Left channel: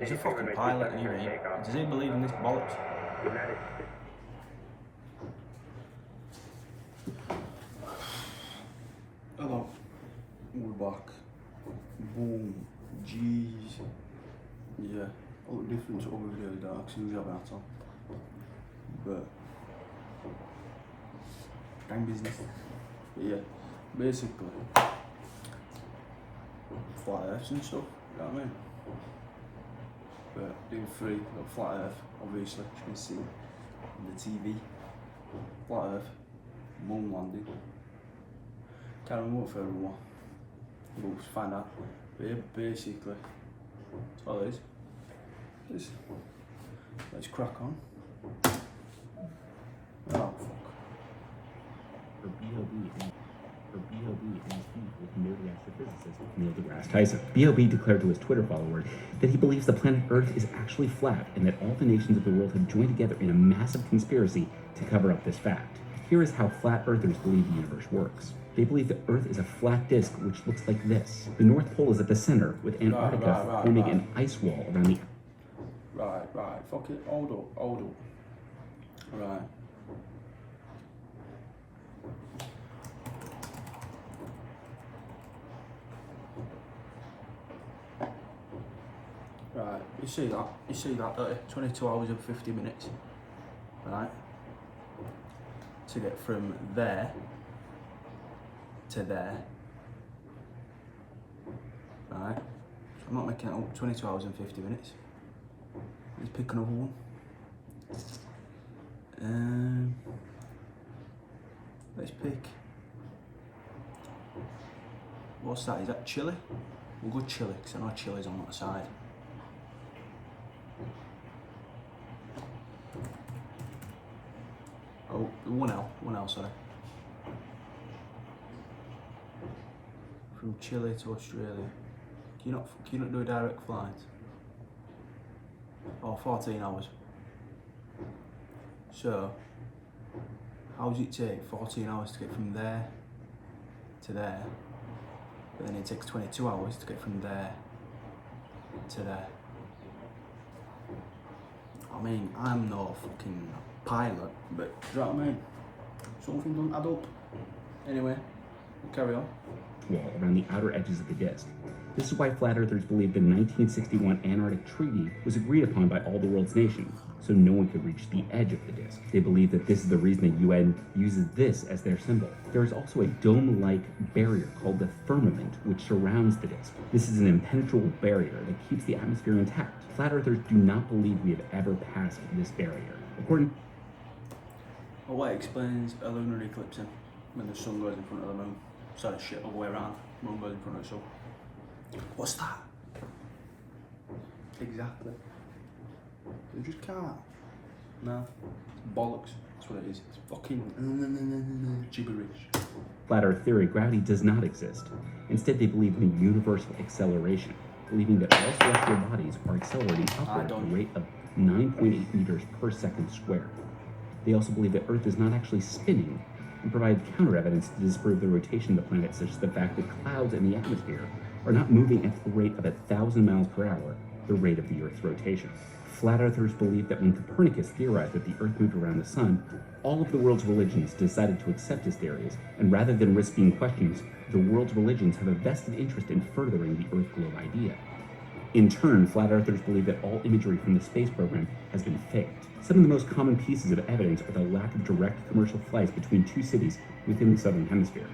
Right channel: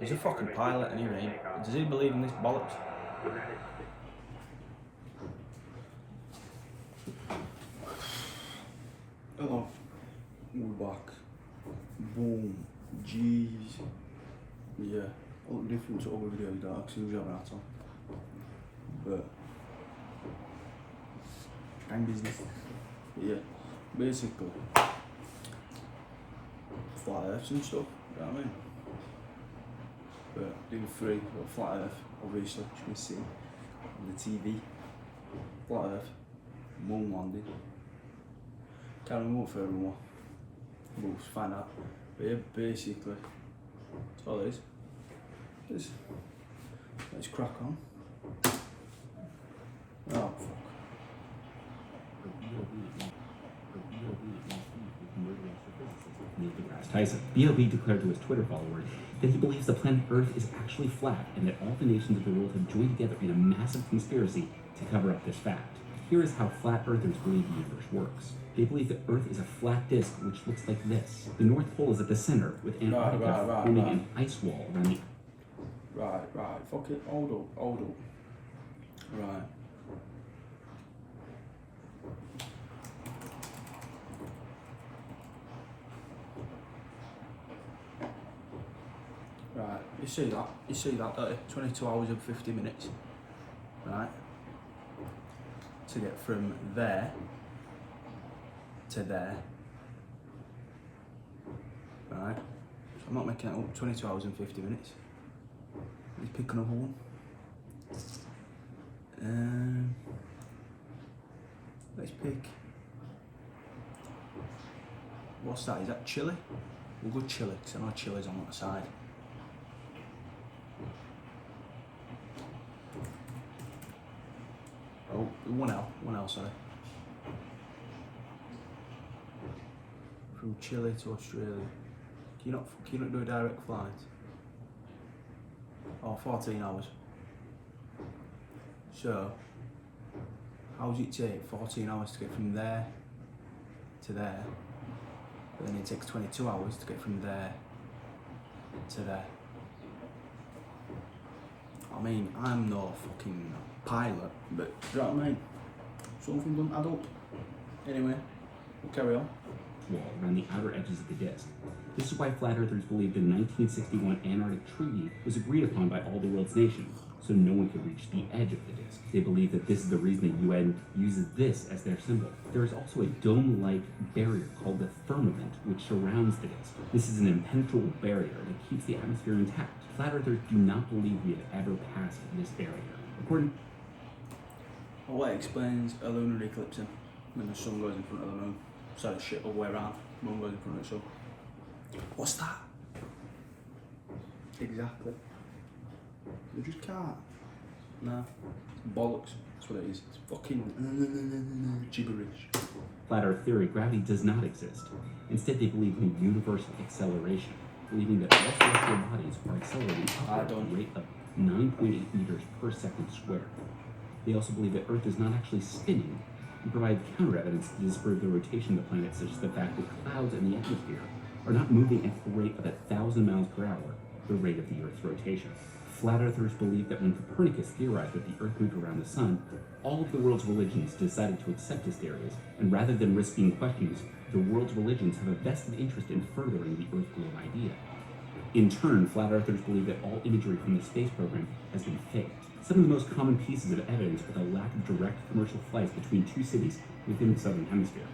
He's a fucking pilot anyway. Does he believe in this bollocks? Hello. We're back. Boom. Jeez. Yeah. I look different to other videos that I actually have that on. But gang business. But yeah. Basically flat earths and stuff, you know what I mean? But doing free, got flat earth, obviously, you can see on the TV. Flat earth, moon landing. Can't remember what third one was. We'll find out. But yeah, basically, that's all it is. Let's crack on. Oh fuck. Neil deGrasse Tyson. B.O.B. declared to his Twitter followers that he believes the planet Earth is actually flat and that all the nations of the world have joined together in a massive conspiracy to cover up this fact. Here is how flat earthers believe the universe works. They believe that Earth is a flat disk which looks like this. The North Pole is at the center, with Antarctica forming an ice wall around the... Right, fuck it, hold up. Right. Right, you see that, don't you? 22 hours and 50 minutes, right? To get from there to there, right? So I'm not making it up, 22 hours and 50 minutes. Let's pick another one. Let's pick, what's that, is that Chile? We'll go Chile, because I know Chile's on that side. Oh, one L, sorry. From Chile to Australia. Can you not do a direct flight? Oh, 14 hours. So, how does it take 14 hours to get from there to there? But then it takes 22 hours to get from there to there. I mean, I'm no fucking pilot, but do you know what I mean? Something doesn't add up. Anyway, we'll carry on. Wall around the outer edges of the disk. This is why flat earthers believe the 1961 Antarctic Treaty was agreed upon by all the world's nations, so no one could reach the edge of the disk. They believe that this is the reason the UN uses this as their symbol. There is also a dome-like barrier called the firmament, which surrounds the disk. This is an impenetrable barrier that keeps the atmosphere intact. Flat earthers do not believe we have ever passed this barrier. According Well, what explains a lunar eclipse then, when the sun goes in front of the moon? Sorry, shit, other way around. Moon goes in front of the sun. What's that? Exactly. You just can't. Nah. Bollocks. That's what it is. It's fucking gibberish. Flat Earth theory, gravity does not exist. Instead, they believe in universal acceleration, believing that all celestial bodies are accelerating upward at a rate of 9.8 meters per second squared. They also believe that Earth is not actually spinning, and provide counter evidence to disprove the rotation of the planet, such as the fact that clouds in the atmosphere are not moving at the rate of 1,000 miles per hour, the rate of the Earth's rotation. Flat Earthers believe that when Copernicus theorized that the Earth moved around the Sun, all of the world's religions decided to accept his theories, and rather than risk being questioned, the world's religions have a vested interest in furthering the Earth globe idea. In turn, Flat Earthers believe that all imagery from the space program has been faked. Some of the most common pieces of evidence are the lack of direct commercial flights between two cities within the Southern Hemisphere.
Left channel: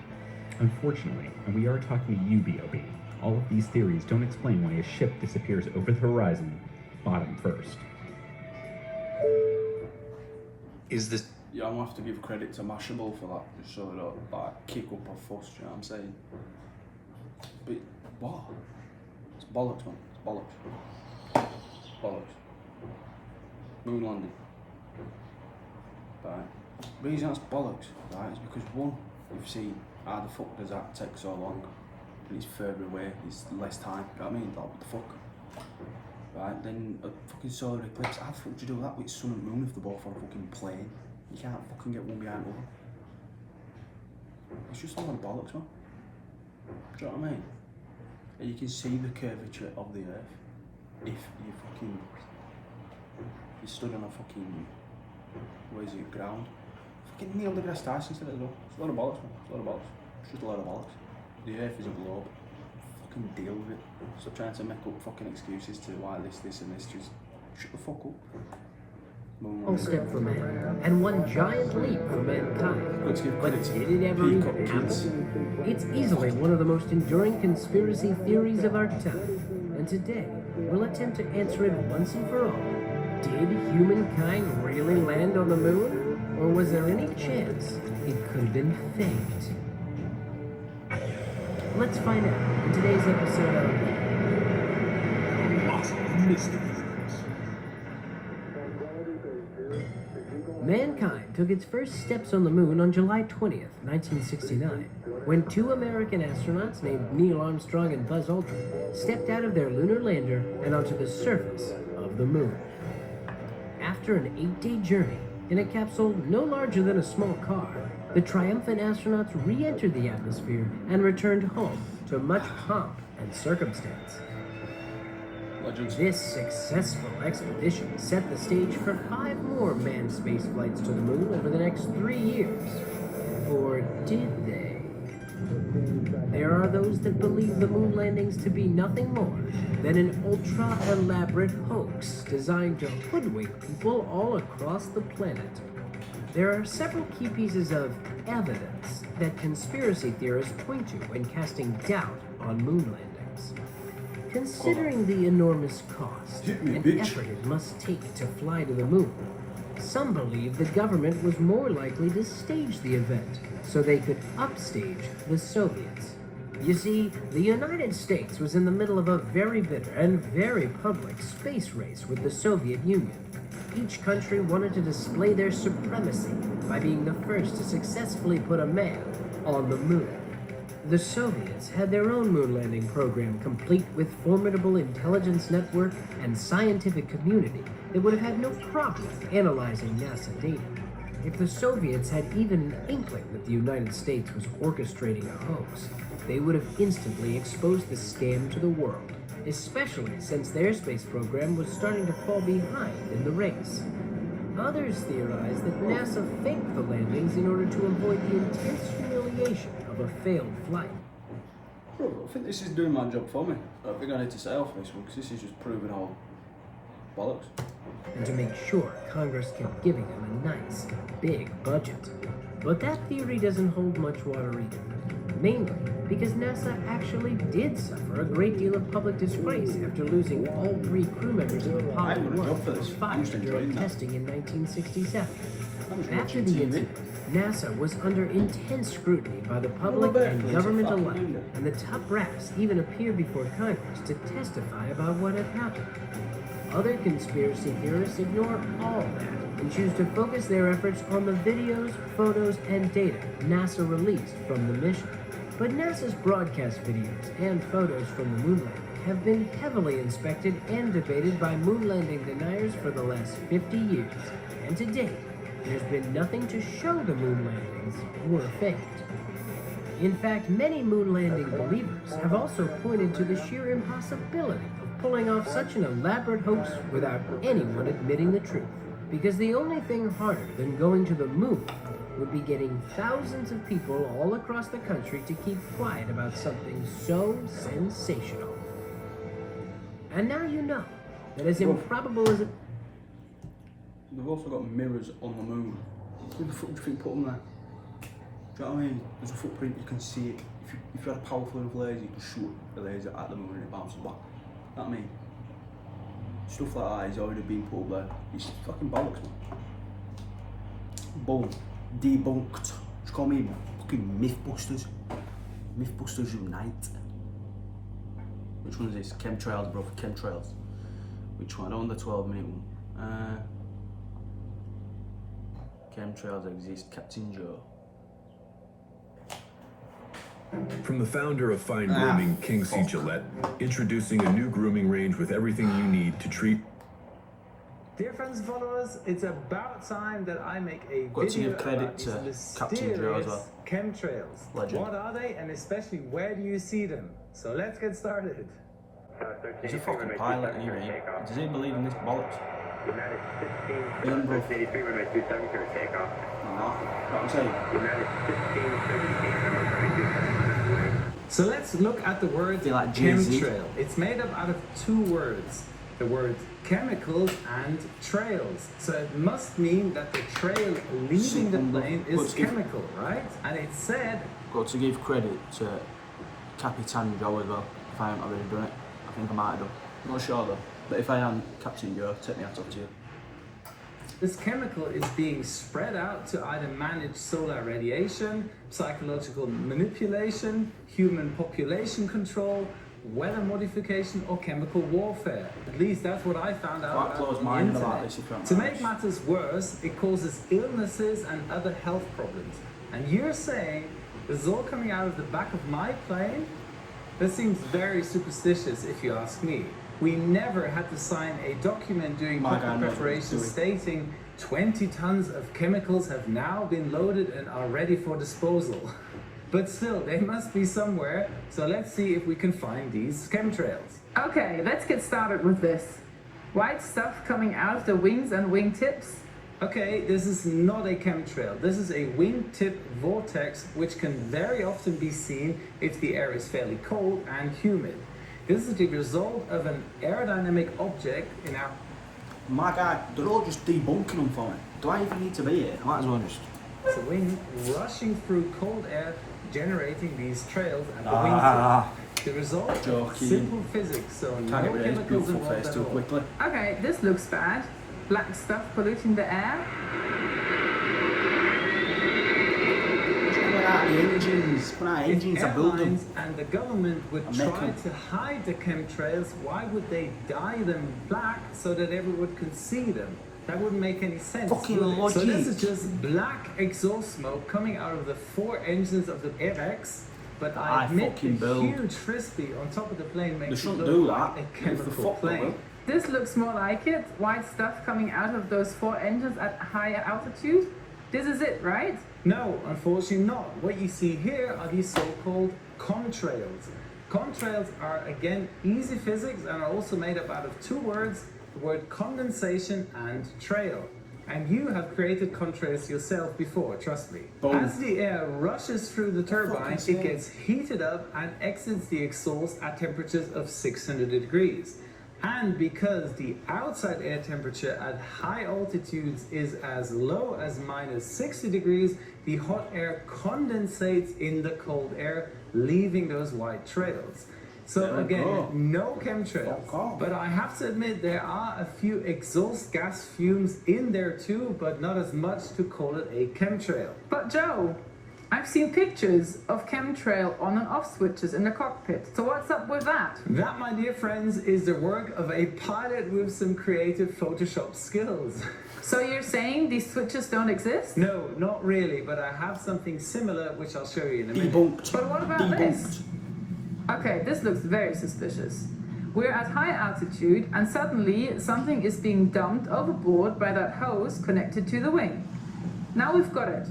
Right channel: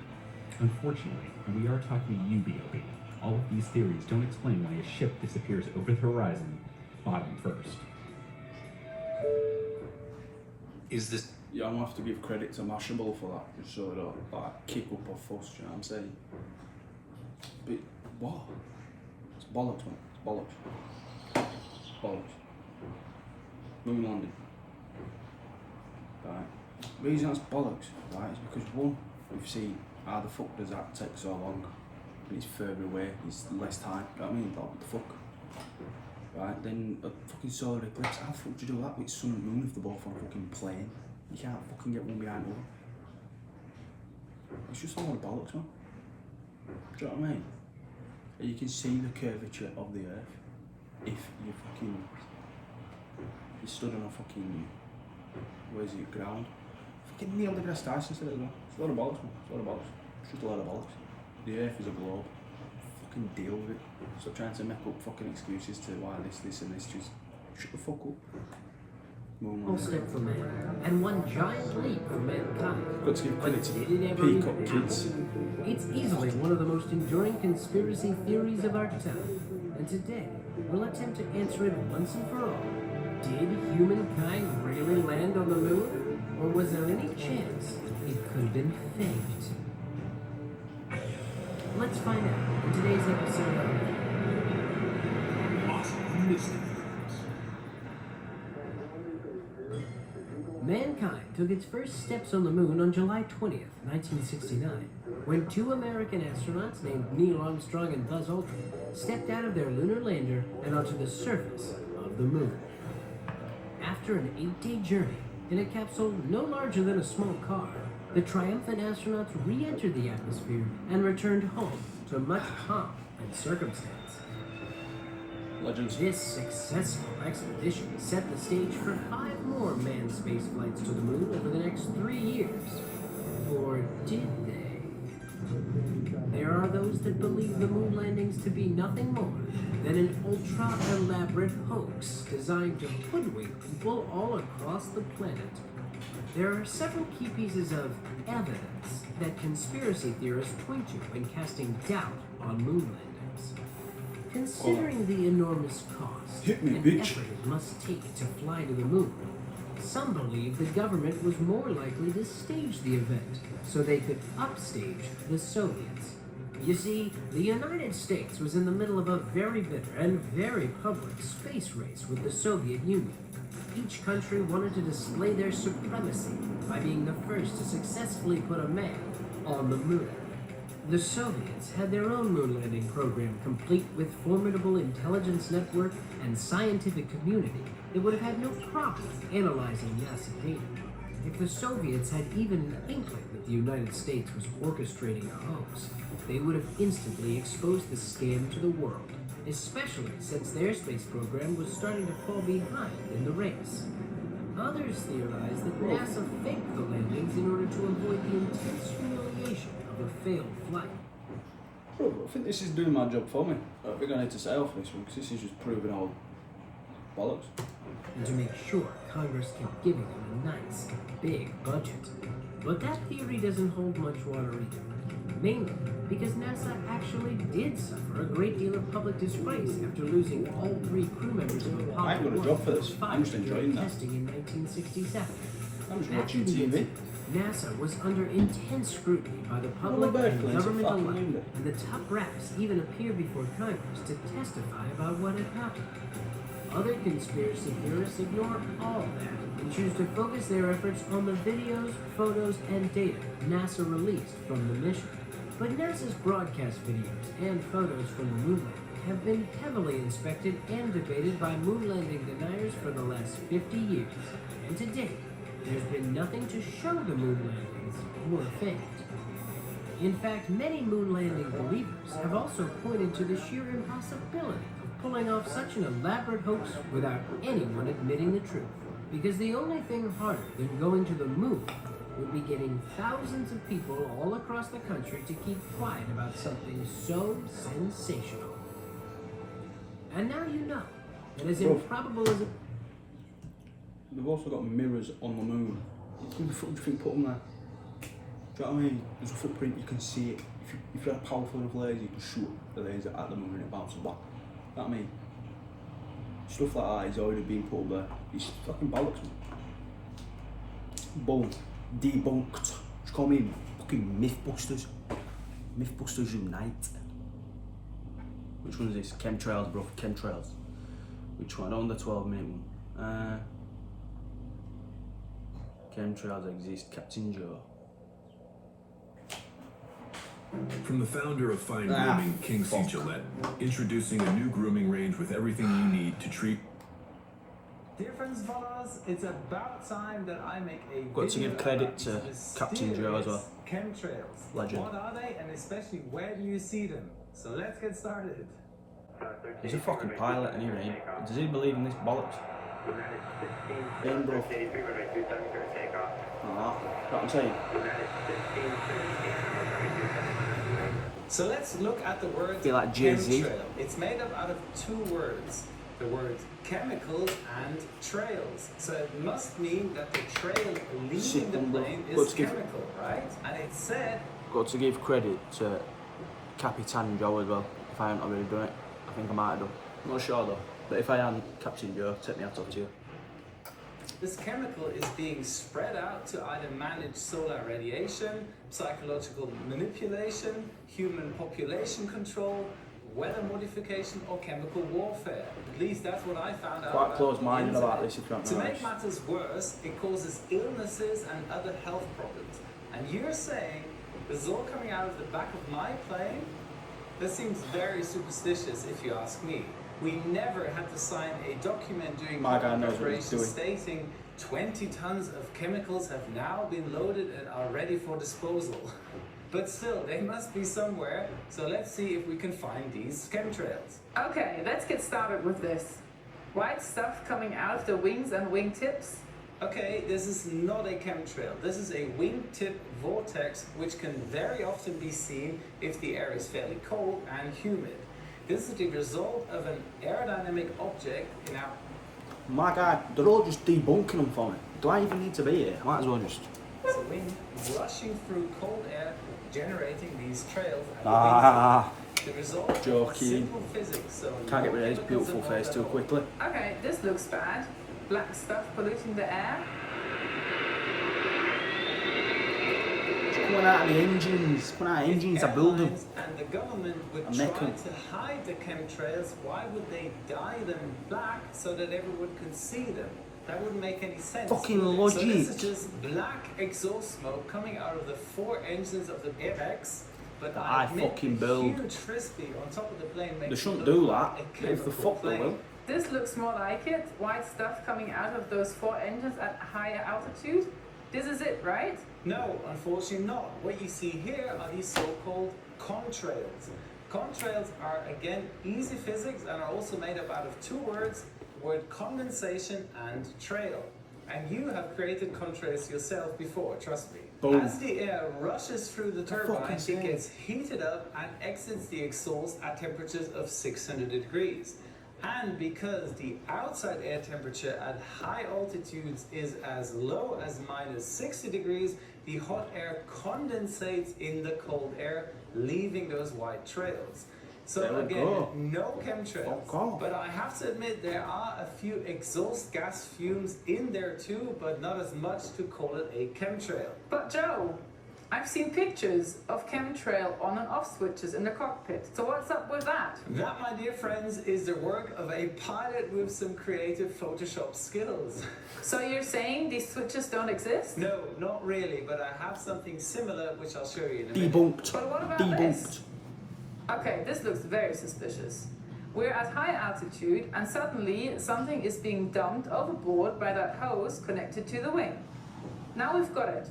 Unfortunately, and we are talking to you, B.O.B., all of these theories don't explain why a ship disappears over the horizon, bottom first. Is this... Yeah, I'm gonna have to give credit to Mashable for that, just so they don't like kick up or fuss, you know what I'm saying? But what? It's bollocks, man. It's bollocks. Bollocks. Moon landing. Right. The reason that's bollocks, right, is because one, we've seen how the fuck does that take so long? And it's further away, it's less time, you know what I mean? Like, what the fuck? Right, then a fucking solar eclipse, how the fuck do you do that with sun and moon if they're both on a fucking plane? You can't fucking get one behind the other. It's just a lot of bollocks, man. Do you know what I mean? And you can see the curvature of the Earth. if you stood on a fucking, ground. Fucking Neil deGrasse Tyson said it as well. It's a lot of bollocks, man. It's a lot of bollocks. It's just a lot of bollocks. The earth is a globe. Fucking deal with it. Stop trying to make up fucking excuses to why this and this. Just shut the fuck up. One step for man, and one giant leap for mankind. Got to give credit to Did it ever even Peacock Kids. happen? It's easily one of the most enduring conspiracy theories of our time. And today, we'll attempt to answer it once and for all. Did humankind really land on the moon? Or was there any chance it could have been faked? Let's find out in today's episode of Mysteries. Mankind took its first steps on the moon on July 20th, 1969, when two American astronauts named Neil Armstrong and Buzz Aldrin stepped out of their lunar lander and onto the surface of the moon. After an 8-day journey in a capsule no larger than a small car, the triumphant astronauts re-entered the atmosphere and returned home to much pomp and circumstance. Legends. This successful expedition set the stage for 5 more manned space flights to the moon over the next 3 years. Or did they? There are those that believe the moon landings to be nothing more than an ultra-elaborate hoax designed to hoodwink people all across the planet. There are several key pieces of evidence that conspiracy theorists point to when casting doubt on moon landings. Considering the enormous cost and effort it must take to fly to the moon, some believe the government was more likely to stage the event so they could upstage the Soviets. You see, the United States was in the middle of a very bitter and very public space race with the Soviet Union. Each country wanted to display their supremacy by being the first to successfully put a man on the moon. The Soviets had their own moon landing program, complete with formidable intelligence network and scientific community that would have had no problem analyzing NASA data. If the Soviets had even an inkling that the United States was orchestrating a hoax, they would have instantly exposed the scam to the world, especially since their space program was starting to fall behind in the race. Others theorize that NASA faked the landings in order to avoid the intense humiliation of a failed flight. Bro, I think this is doing my job for me. I think I need to say off this one because this is just proving all bollocks. And to make sure Congress kept giving them a nice, big budget. But that theory doesn't hold much water either. Mainly because NASA actually did suffer a great deal of public disgrace after losing all 3 crew members of Apollo 1. I ain't got a job for this. I'm just enjoying that. Testing in 1967. I'm just After watching the TV. incident, NASA was under intense scrutiny by the public and government alike, and the top brass even appeared before Congress to testify about what had happened. Other conspiracy theorists ignore all that and choose to focus their efforts on the videos, photos, and data NASA released from the mission. But NASA's broadcast videos and photos from the moon landing have been heavily inspected and debated by moon landing deniers for the last 50 years, and to date, there's been nothing to show the moon landings were faked. In fact, many moon landing believers have also pointed to the sheer impossibility of pulling off such an elaborate hoax without anyone admitting the truth. Because the only thing harder than going to the moon would be getting thousands of people all across the country to keep quiet about something so sensational. And now you know that as improbable as it... They've also got mirrors on the moon. Who the fuck do you think put them there? Do you know what I mean? There's a footprint, you can see it. If you had a powerful enough laser, you can shoot the laser at the moon and it bounces back. You know what I mean? Stuff like that is already being put up there. It's fucking bollocks, man. Boom. Debunked. Just call me fucking Mythbusters. Mythbusters Unite. Which one is this? Chemtrails, bro. Chemtrails. Which one? I don't want the 12-minute one. Chemtrails exist. Captain Joe. From the founder of fine grooming, King C. Gillette, introducing a new grooming range with everything you need to treat. Dear friends and followers, it's about time that I make a Got to video give credit about to these Captain Joe as well. Chemtrails. Legend. What are they, and especially where do you see them? So let's get started. He's a fucking pilot anyway. Does he believe in this bollocks? In, bro. Nah, what I'm saying. So let's look at the word Feel like Jay-Z. chemtrail. It's made up out of two words. The word chemicals and trails. So it must mean that the trail leaving the plane is chemical, right? And it said... Got to give credit to Capitan Joe as well, if I haven't already done it. I think I might have done. I'm not sure though. But if I am, Captain Joe, take me out of to you. This chemical is being spread out to either manage solar radiation, psychological manipulation, human population control, weather modification, or chemical warfare. At least that's what I found out. Quite close-minded about this, if you're not To make matters worse, it causes illnesses and other health problems. And you're saying this is all coming out of the back of my plane? That seems very superstitious, if you ask me. We never had to sign a document during preparation stating 20 tons of chemicals have now been loaded and are ready for disposal. But still, they must be somewhere, so let's see if we can find these chemtrails. Okay, let's get started with this. White stuff coming out of the wings and wingtips. Okay, this is not a chemtrail. This is a wingtip vortex, which can very often be seen if the air is fairly cold and humid. This is the result of an aerodynamic object in our... My guy, they're all just debunking them for me. Do I even need to be here? I might as well just... It's a wind rushing through cold air, generating these trails. And the result, joking. Simple physics. So Can't get rid of his beautiful face too quickly. Okay, this looks bad. Black stuff polluting the air. It's coming out of the engines. Coming out of engines to build them. And the government would try to hide the chemtrails. Why would they dye them black so that everyone could see them? That wouldn't make any sense. Fucking logic. So this is just black exhaust smoke coming out of the four engines of the FX. But I fucking build. Huge frisbee on top of the plane makes they shouldn't do that. If the fuck they will. This looks more like it. White stuff coming out of those four engines at higher altitude. This is it, right? No, unfortunately not. What you see here are these so-called contrails. Contrails are, again, easy physics and are also made up out of two words, the word condensation and trail. And you have created contrails yourself before, trust me. Boom. As the air rushes through the turbine, it gets heated up and exits the exhaust at temperatures of 600 degrees. And because the outside air temperature at high altitudes is as low as minus 60 degrees, the hot air condensates in the cold air, leaving those white trails. So again, no chemtrails, but I have to admit there are a few exhaust gas fumes in there too, but not as much to call it a chemtrail. But Joe, I've seen pictures of chemtrail on and off switches in the cockpit. So what's up with that? That, my dear friends, is the work of a pilot with some creative Photoshop skills. So you're saying these switches don't exist? No, not really, but I have something similar which I'll show you in a minute. Debunked. But what about this? Okay, this looks very suspicious. We're at high altitude and suddenly something is being dumped overboard by that hose connected to the wing. Now we've got it.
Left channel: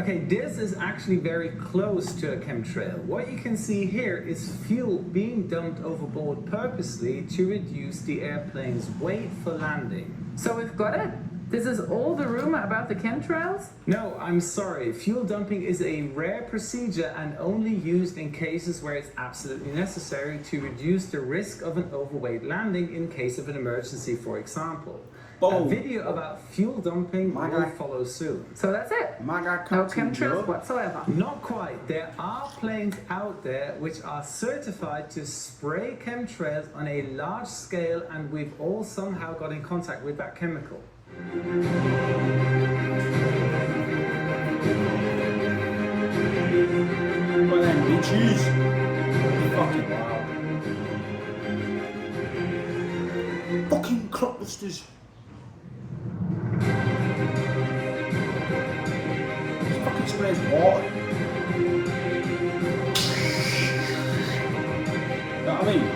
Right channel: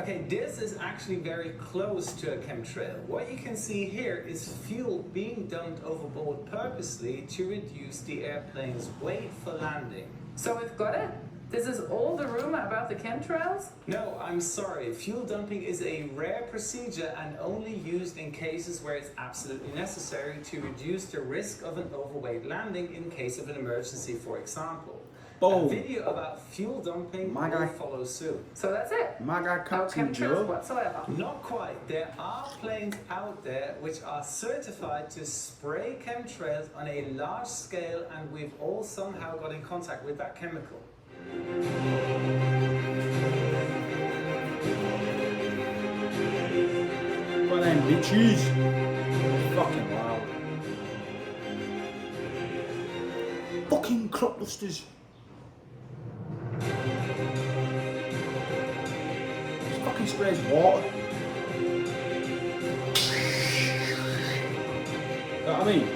Okay, this is actually very close to a chemtrail. What you can see here is fuel being dumped overboard purposely to reduce the airplane's weight for landing. So we've got it? This is all the rumor about the chemtrails? No, I'm sorry. Fuel dumping is a rare procedure and only used in cases where it's absolutely necessary to reduce the risk of an overweight landing in case of an emergency, for example. A video about fuel dumping will follow soon. So that's it? My guy, Captain Joe. Whatsoever. Not quite. There are planes out there which are certified to spray chemtrails on a large scale, and we've all somehow got in contact with that chemical. Well then, bitches. Fucking loud. Fucking crop dusters. This fucking sprays water. You know what I mean?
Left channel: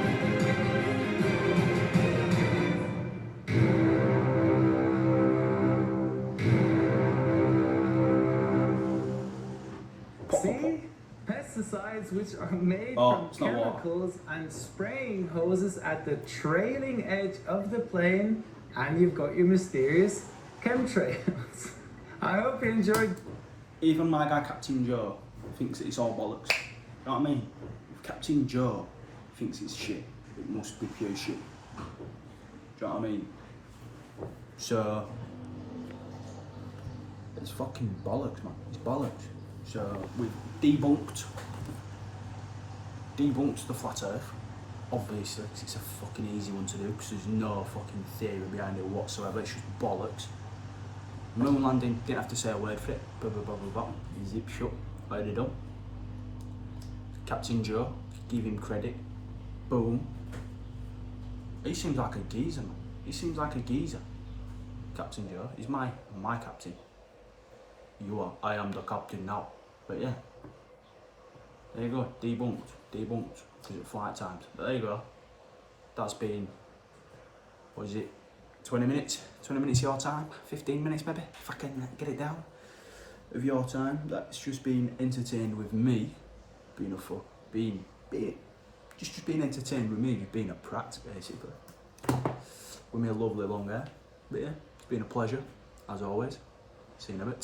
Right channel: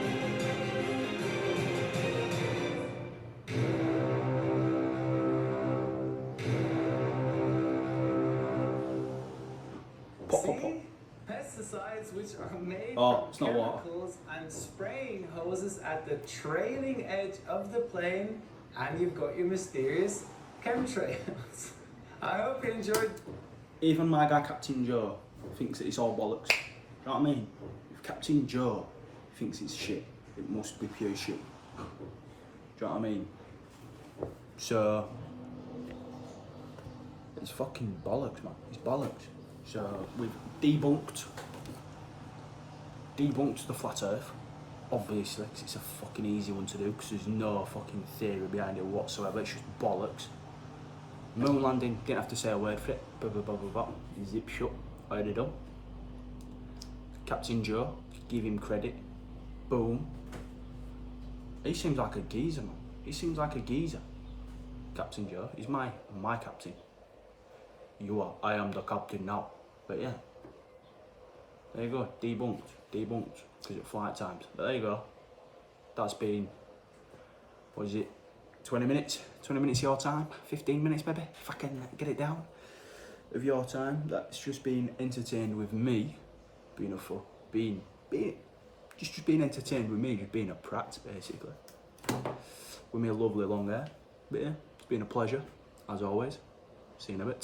pesticides which are made Oh, it's from not water. chemicals and spraying hoses at the trailing edge of the plane, and you've got your mysterious chemtrails. I hope you enjoyed. Even my guy Captain Joe thinks that it's all bollocks. You know what I mean? If Captain Joe thinks it's shit, it must be pure shit. Do you know what I mean? So it's fucking bollocks, man. It's bollocks. So we've debunked the flat Earth. Obviously, 'cause it's a fucking easy one to do, because there's no fucking theory behind it whatsoever. It's just bollocks. Moon landing, didn't have to say a word for it. Blah blah blah blah blah. Zip shut. Already done. Captain Joe, give him credit. Boom. He seems like a geezer, man. He seems like a geezer. Captain Joe, he's my captain. You are. I am the captain now. But yeah. There you go. Debunked. Because at flight times. But there you go. That's been, what is it? 20 minutes? 20 minutes your time? 15 minutes maybe? If I can get it down. Of your time. That's just been entertained with me. Being entertained with me, just being a prat basically. With me lovely long hair. But yeah, it's been a pleasure, as always. See you in a bit.